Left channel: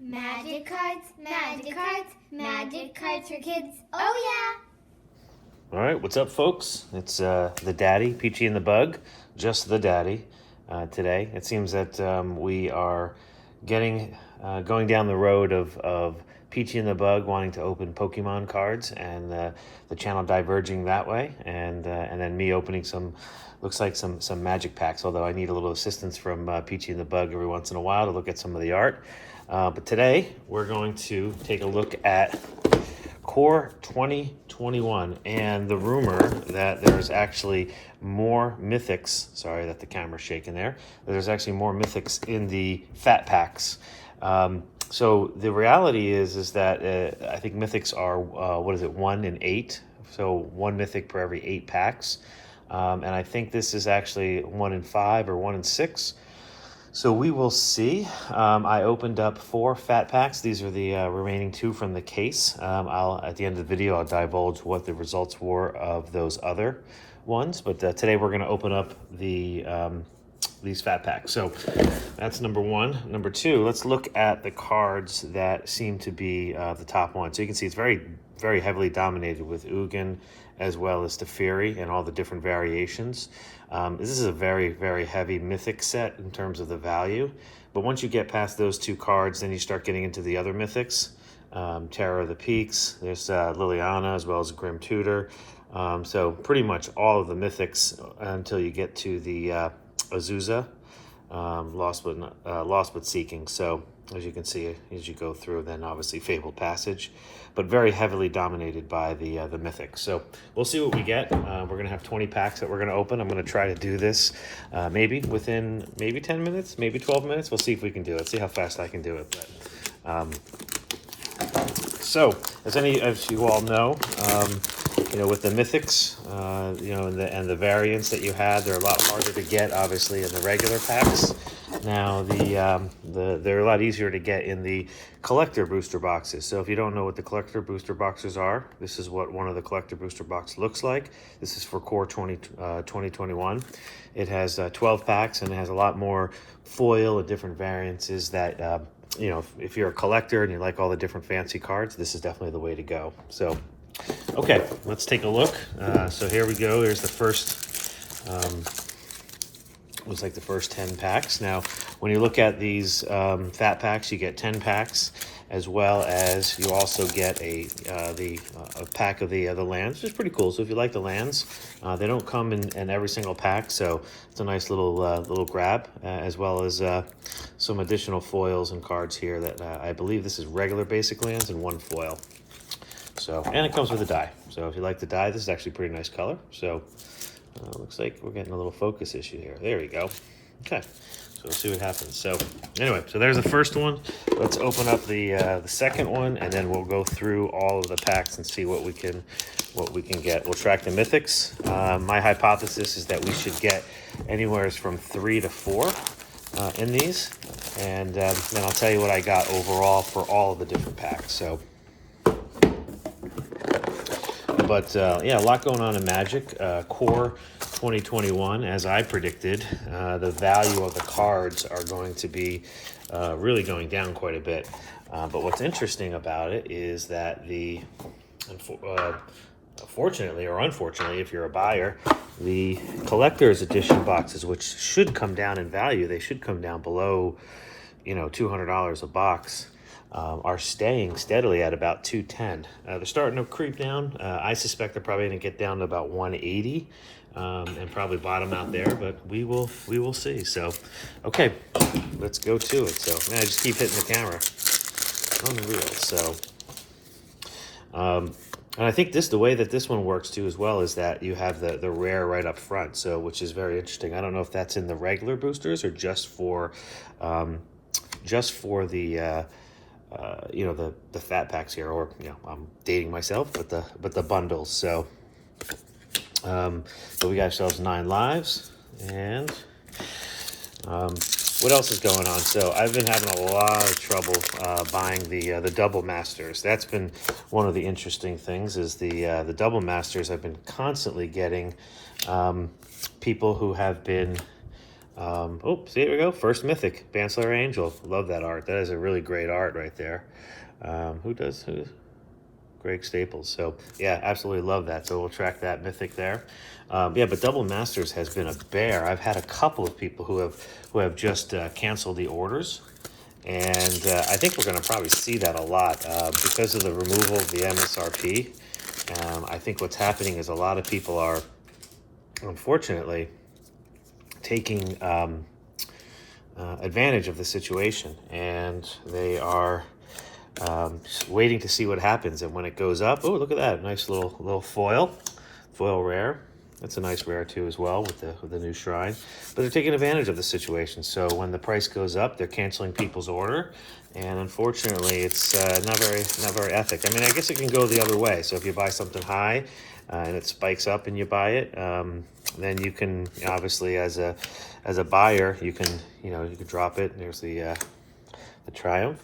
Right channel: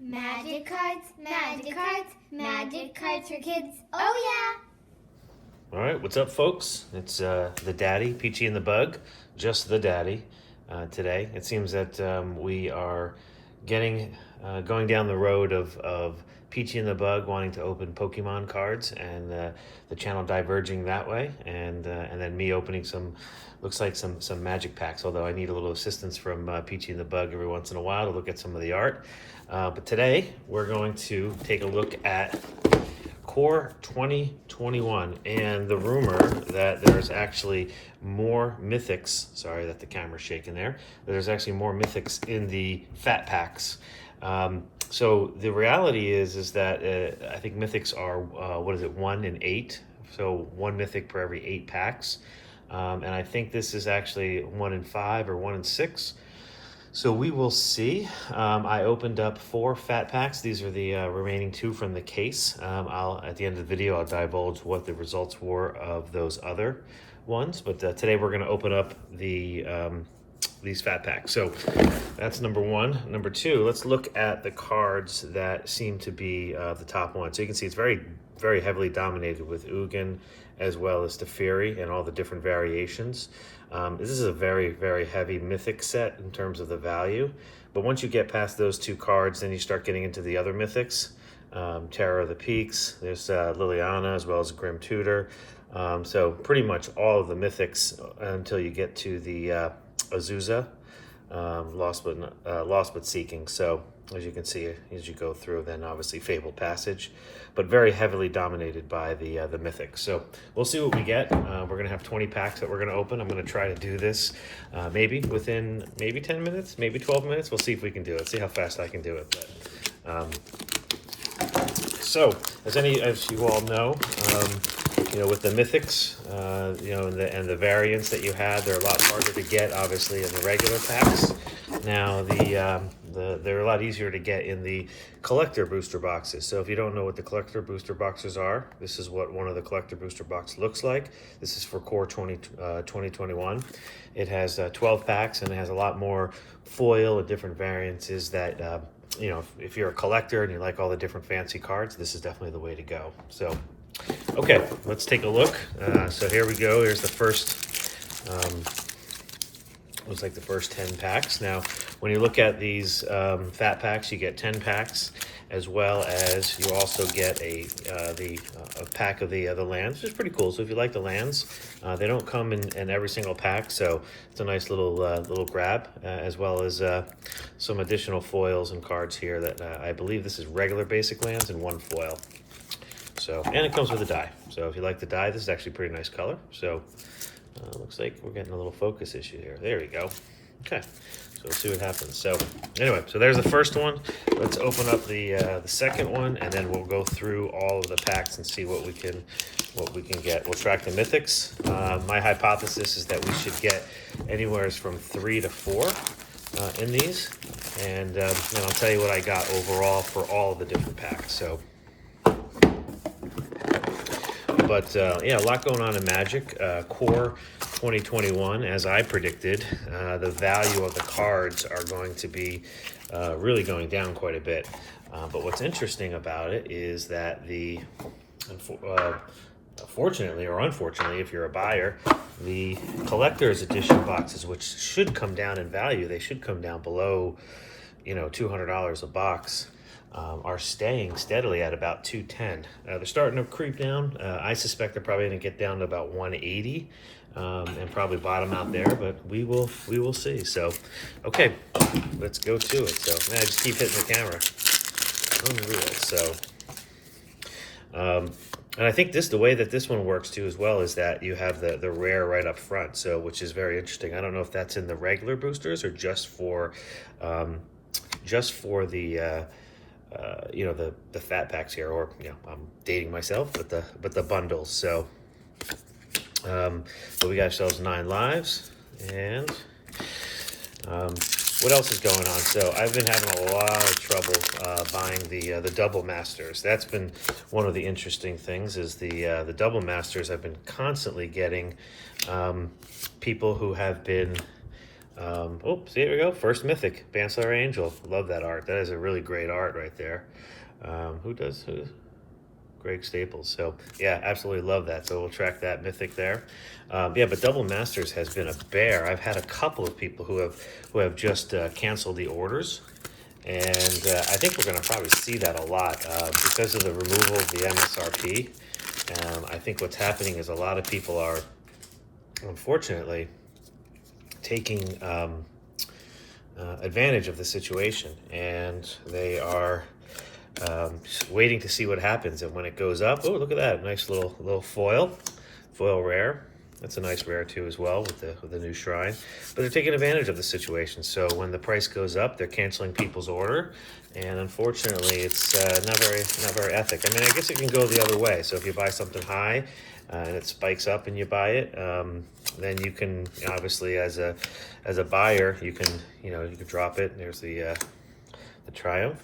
Magic cards, magic cards, magic cards for kids. Oh All right, what's up, folks? It's the daddy, Peachy and the Bug, just the daddy today. It seems that we are going down the road of Peachy and the Bug wanting to open Pokemon cards, and the channel diverging that way, and then me opening looks like some magic packs. Although I need a little assistance from Peachy and the Bug every once in a while to look at some of the art. But today we're going to take a look at Core 2021 and the rumor that there's actually more mythics. Sorry that the camera's shaking there. There's actually more mythics in the fat packs. So the reality is that I think mythics are 1 in 8, so 1 mythic per every 8 packs, and I think this is actually 1 in 5 or 1 in 6. So we will see. I opened up 4 fat packs. These are the remaining 2 from the case. At the end of the video, I'll divulge what the results were of those other ones. But today we're going to open up these fat packs. So that's number 1. Number 2, let's look at the cards that seem to be the top one. So you can see it's very, very heavily dominated with Ugin as well as Teferi and all the different variations. This is a very, very heavy mythic set in terms of the value. But once you get past those 2 cards, then you start getting into the other mythics. Terror of the Peaks, there's Liliana as well as Grim Tutor. So pretty much all of the mythics until you get to the Azusa, Lost but Seeking. So as you can see, as you go through, then obviously Fabled Passage, but very heavily dominated by the mythics. So we'll see what we get. We're gonna have 20 packs that we're gonna open. I'm gonna try to do this maybe within 10 minutes, maybe 12 minutes. We'll see if we can do it. See how fast I can do it. But, so as you all know, with the mythics, and the variants that you have, they're a lot harder to get, obviously, in the regular packs. Now, they're a lot easier to get in the collector booster boxes. So if you don't know what the collector booster boxes are, this is what one of the collector booster box looks like. This is for Core 2021. It has 12 packs, and it has a lot more foil and different variances that, if you're a collector and you like all the different fancy cards, this is definitely the way to go. So, okay, let's take a look. So here we go. Here's the first, looks like the first 10 packs. Now, when you look at these fat packs, you get 10 packs, as well as you also get a pack of the lands, which is pretty cool. So if you like the lands, they don't come in every single pack, so it's a nice little grab, as well as some additional foils and cards here that I believe this is regular basic lands and 1 foil. So, and it comes with a die. So if you like the die, this is actually a pretty nice color. So looks like we're getting a little focus issue here. There we go. Okay, so we'll see what happens. So anyway, so there's the first one. Let's open up the second one, and then we'll go through all of the packs and see what we can get. We'll track the mythics. My hypothesis is that we should get anywhere from 3 to 4 in these, and then I'll tell you what I got overall for all of the different packs. So. But yeah, a lot going on in Magic. Core 2021, as I predicted, the value of the cards are going to be really going down quite a bit. But what's interesting about it is that fortunately or unfortunately, if you're a buyer, the collector's edition boxes, which should come down in value, they should come down below, $200 a box. Are staying steadily at about $210. They're starting to creep down. I suspect they're probably going to get down to about $180 and probably bottom out there, but we will see. So, okay, let's go to it. So, man, I just keep hitting the camera. Unreal. So, and I think the way that this one works too as well is that you have the rare right up front, so which is very interesting. I don't know if that's in the regular boosters or just for the the fat packs here, or I'm dating myself, but the bundles. So but we got ourselves 9 lives, and what else is going on? So I've been having a lot of trouble buying the double masters. That's been one of the interesting things, is the double masters. I've been constantly getting people who have been Oh, see, here we go. First Mythic, Bansler Angel. Love that art. That is a really great art right there. Who? Greg Staples. So yeah, absolutely love that. So we'll track that Mythic there. Yeah, but Double Masters has been a bear. I've had a couple of people who have just canceled the orders, and I think we're going to probably see that a lot because of the removal of the MSRP. I think what's happening is a lot of people are, unfortunately, taking advantage of the situation, and they are just waiting to see what happens. And when it goes up, oh, look at that, nice little foil rare. That's a nice rare too as well with the new shrine. But they're taking advantage of the situation. So when the price goes up, they're canceling people's order, and unfortunately, it's not very ethic. I mean, I guess it can go the other way. So if you buy something high and it spikes up and you buy it, then you can obviously as a buyer you can drop it. There's the Triumph.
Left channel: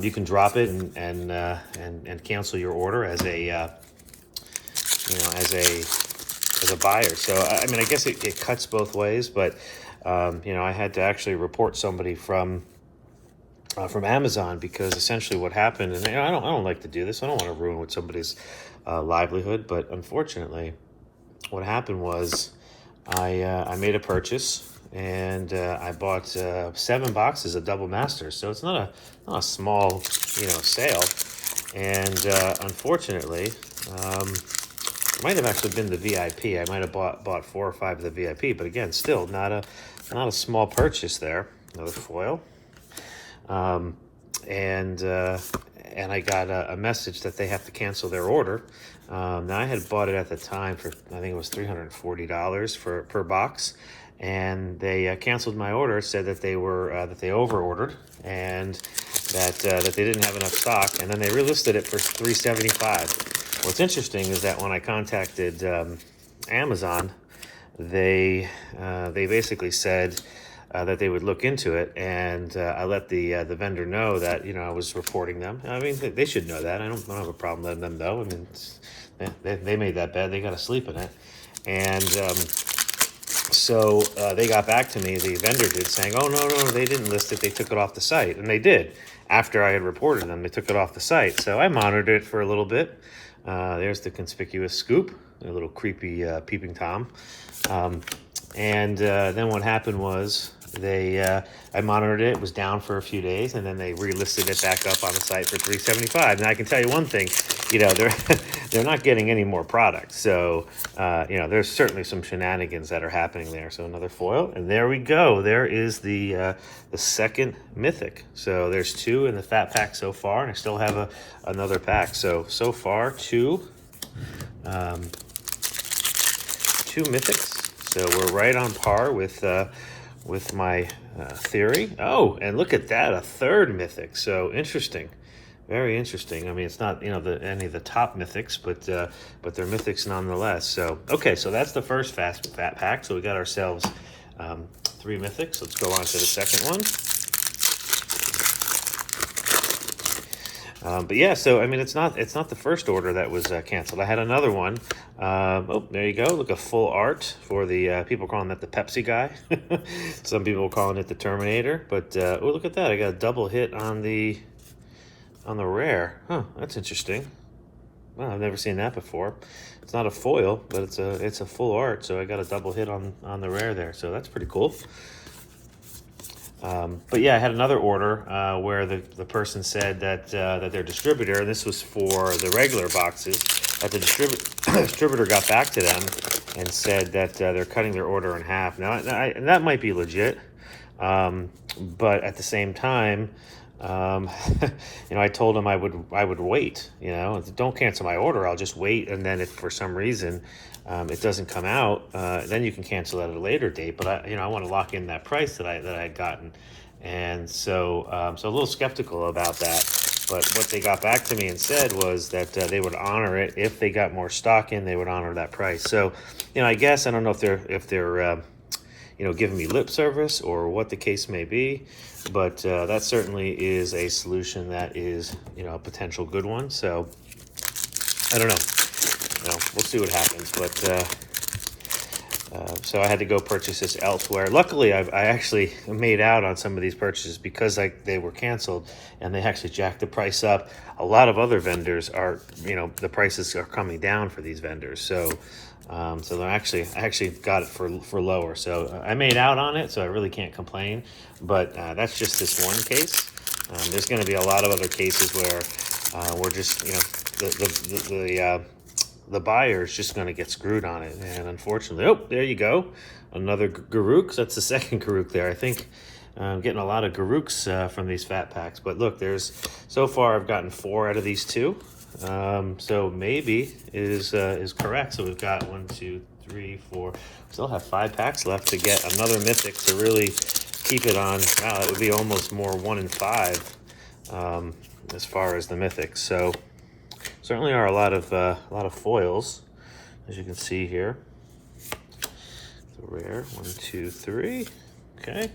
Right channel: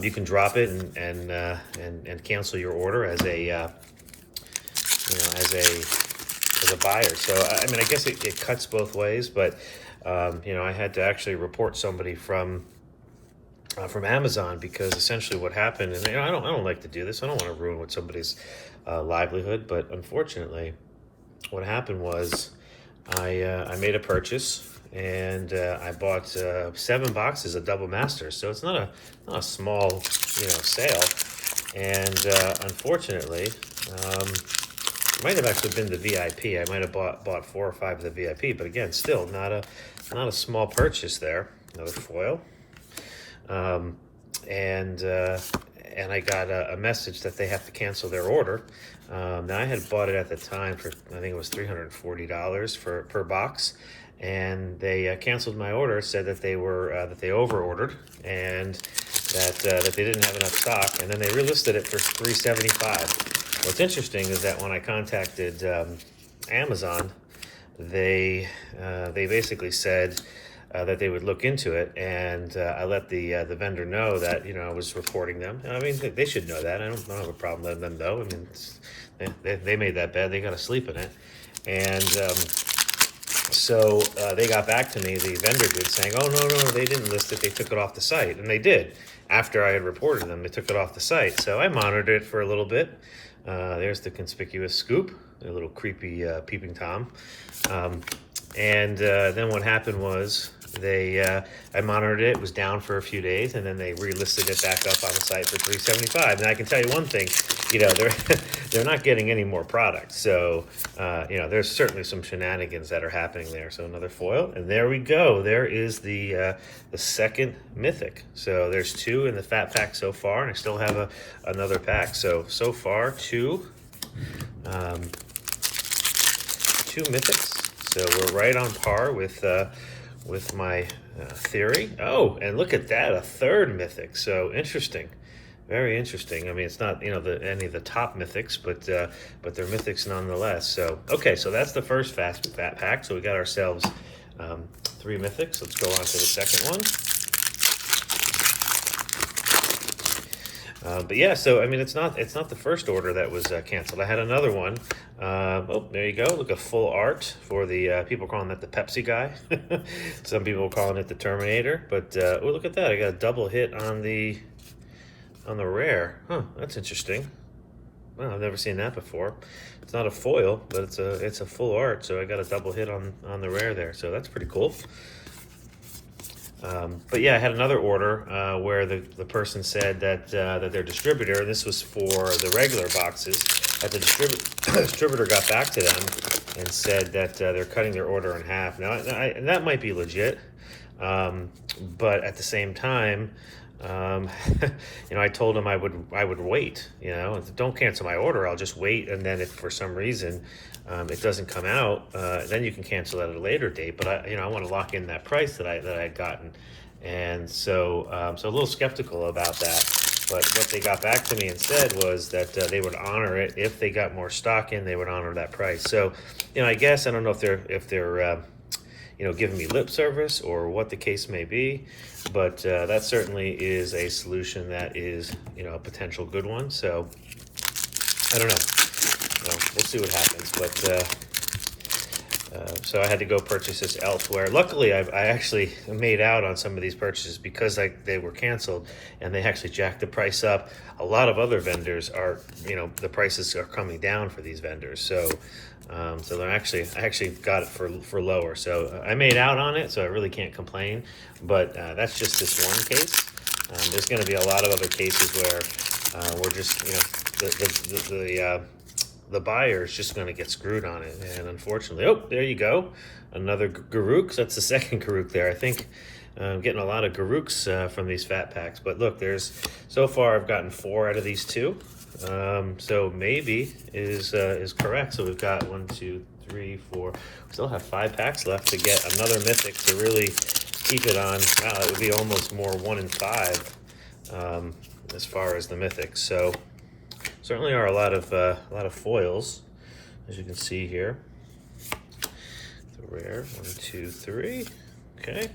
You can drop it and cancel your order as a as a buyer. So I mean, I guess it cuts both ways, but I had to actually report somebody from Amazon because essentially what happened, and I don't like to do this. I don't want to ruin what somebody's livelihood, but unfortunately, what happened was I made a purchase and I bought 7 boxes of Double Masters. So it's not a small sale, and unfortunately. It might have actually been the VIP. I might have bought 4 or 5 of the VIP, but again, still not a small purchase there. Another foil, and I got a message that they have to cancel their order. Now I had bought it at the time for, I think it was $340 per box, and they canceled my order. Said that they were that they over ordered and that they didn't have enough stock, and then they relisted it for $375. What's interesting is that when I contacted Amazon, they basically said that they would look into it, and I let the vendor know that I was reporting them. I mean, they should know that. I don't have a problem letting them know. I mean, they made that bed. They got to sleep in it, and so they got back to me. The vendor did, saying, "Oh no, they didn't list it. They took it off the site," and they did. After I had reported them, they took it off the site. So I monitored it for a little bit. There's the conspicuous scoop, a little creepy peeping Tom. And then what happened was I monitored it. It was down for a few days, and then they relisted it back up on the site for $375. And I can tell you one thing, they're not getting any more product. So there's certainly some shenanigans that are happening there. So another foil, and there we go. There is the second Mythic. So there's 2 in the fat pack so far, and I still have another pack. So far 2 Mythics. So we're right on par with my theory. Oh, and look at that, a third Mythic. So interesting, very interesting. I mean, it's not any of the top Mythics, but they're Mythics nonetheless. So okay, so that's the first fat pack. So we got ourselves 3 Mythics. Let's go on to the second one. But yeah, so I mean, it's not the first order that was canceled. I had another one. Oh, there you go. Look, a full art for the people calling it the Pepsi guy. Some people calling it the Terminator. But oh, look at that! I got a double hit on the rare. Huh, that's interesting. Wow, I've never seen that before. It's not a foil, but it's a full art. So I got a double hit on the rare there. So that's pretty cool. But yeah, I had another order where the person said that their distributor, and this was for the regular boxes, that the distributor got back to them and said that they're cutting their order in half. Now, that might be legit, but at the same time, I told them I would wait. Don't cancel my order. I'll just wait, and then if for some reason it doesn't come out, then you can cancel at a later date. But I want to lock in that price that I had gotten, and so a little skeptical about that. But what they got back to me and said was that they would honor it if they got more stock in. They would honor that price. So, I guess I don't know if they're giving me lip service or what the case may be, but that certainly is a solution that is a potential good one. So I don't know. We'll see what happens, but So I had to go purchase this elsewhere. Luckily, I actually made out on some of these purchases because they were canceled, and they actually jacked the price up. A lot of other vendors are, the prices are coming down for these vendors. So, I actually got it for lower. So I made out on it, so I really can't complain. But that's just this one case. There's going to be a lot of other cases where we're just, the buyer is just going to get screwed on it. And unfortunately, oh, there you go. Another Garuk. So that's the second Garuk there. I think I'm getting a lot of Garuks from these fat packs. But look, so far I've gotten 4 out of these 2. So maybe is correct. So we've got 1, 2, 3, 4. We still have 5 packs left to get another Mythic to really keep it on. Wow, it would be almost more 1 in 5 as far as the Mythics. So certainly are a lot of foils, as you can see here. The rare 1, 2, 3. Okay.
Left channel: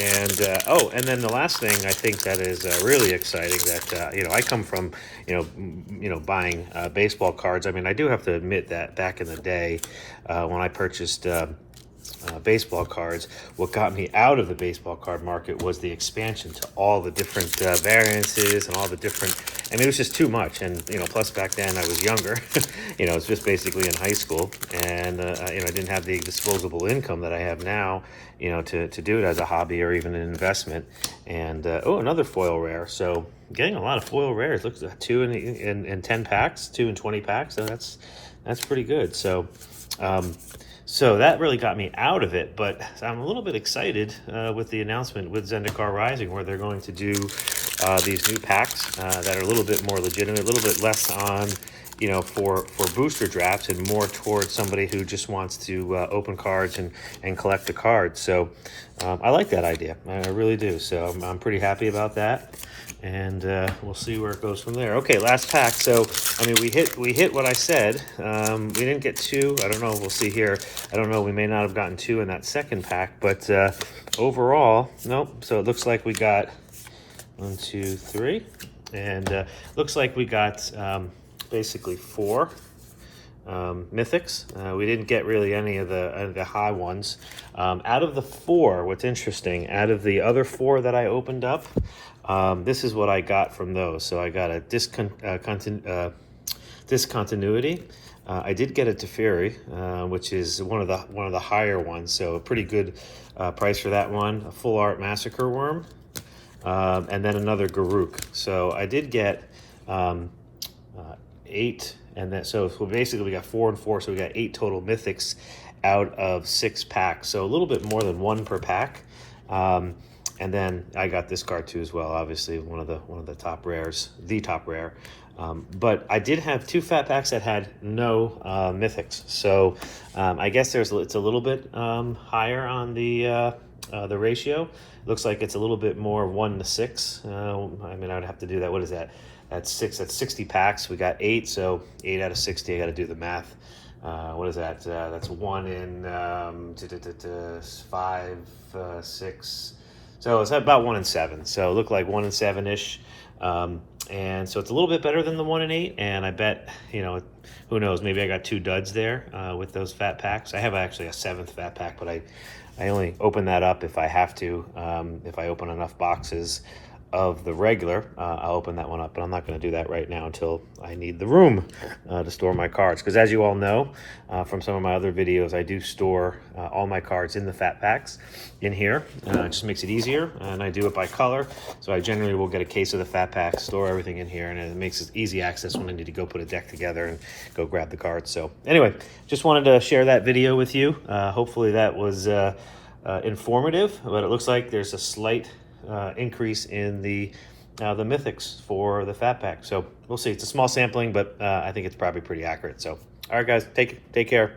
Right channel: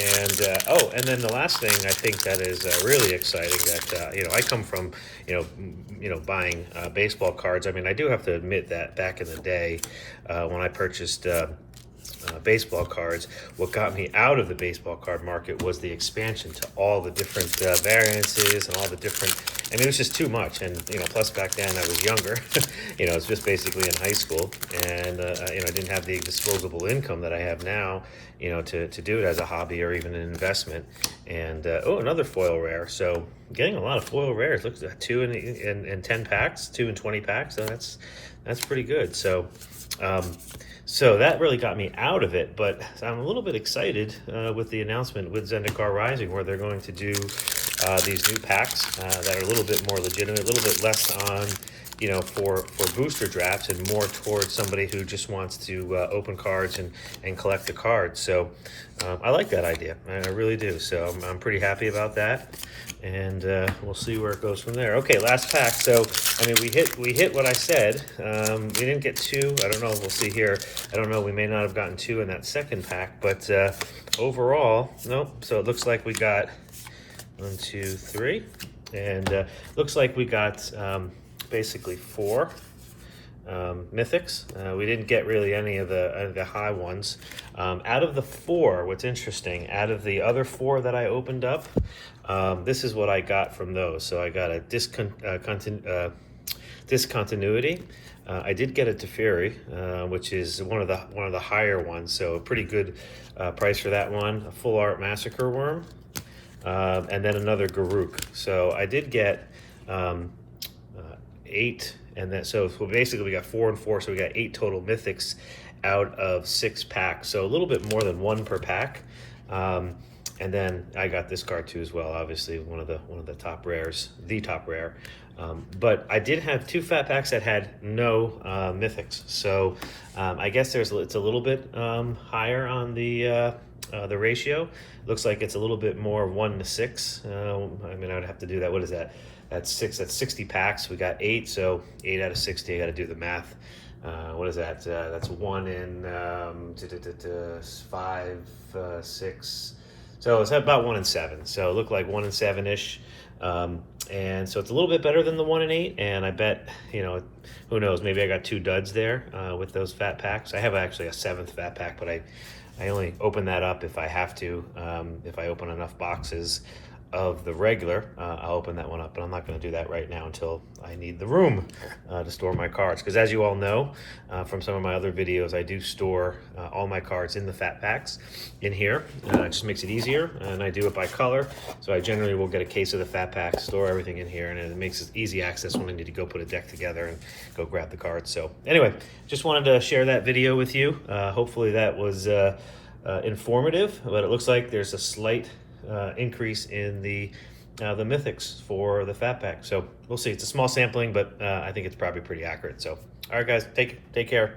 And then the last thing I think that is really exciting that I come from buying baseball cards. I mean, I do have to admit that back in the day when I purchased baseball cards, what got me out of the baseball card market was the expansion to all the different variances and all the different. I mean, it was just too much, and plus back then I was younger. It was just basically in high school, and I didn't have the disposable income that I have now. To do it as a hobby or even an investment. And another foil rare. So getting a lot of foil rares. Look, 2 in 10 packs, 2 in 20 packs. So that's pretty good. So so that really got me out of it. But I'm a little bit excited with the announcement with Zendikar Rising, where they're going to do these new packs that are a little bit more legitimate, a little bit less on for booster drafts and more towards somebody who just wants to open cards and collect the cards. So I like that idea. I really do. So I'm pretty happy about that. And we'll see where it goes from there. Okay, last pack. So, I mean, we hit what I said. We didn't get 2. I don't know. We'll see here. I don't know. We may not have gotten 2 in that second pack. But overall, nope. So it looks like we got 1, 2, 3. And looks like we got basically 4 Mythics. We didn't get really any of the high ones. Out of the 4, what's interesting, out of the other 4 that I opened up, this is what I got from those. So I got a discontinuity. I did get a Teferi, which is one of the higher ones. So a pretty good price for that one. A full art massacre worm, and then another Garuk. So I did get 8, and then so basically we got 4 and 4, so we got 8 total Mythics out of 6 packs. So a little bit more than 1 per pack. And then I got this card too as well. Obviously one of the top rares, the top rare. But I did have 2 fat packs that had no Mythics. So I guess it's a little bit higher on the ratio. Looks like it's a little bit more 1 to 6. I mean, I would have to do that. What is that? That's 6. That's 60 packs. We got 8, so 8 out of 60. I got to do the math. What is that? That's 1 in 5, 6. So it's about 1 in 7. So it looked like 1 in 7-ish. And so it's a little bit better than the 1 in 8. And I bet, who knows? Maybe I got 2 duds there with those fat packs. I have actually a 7th fat pack, but I only open that up if I have to. If I open enough boxes of the regular, I'll open that one up, but I'm not going to do that right now until I need the room to store my cards. Because as you all know from some of my other videos, I do store all my cards in the fat packs in here. It just makes it easier, and I do it by color. So I generally will get a case of the fat pack, store everything in here, and it makes it easy access when I need to go put a deck together and go grab the cards. So anyway, just wanted to share that video with you. Hopefully that was informative, but it looks like there's a slight increase in the Mythics for the fat pack. So we'll see. It's a small sampling, but I think it's probably pretty accurate. So all right, guys, take care.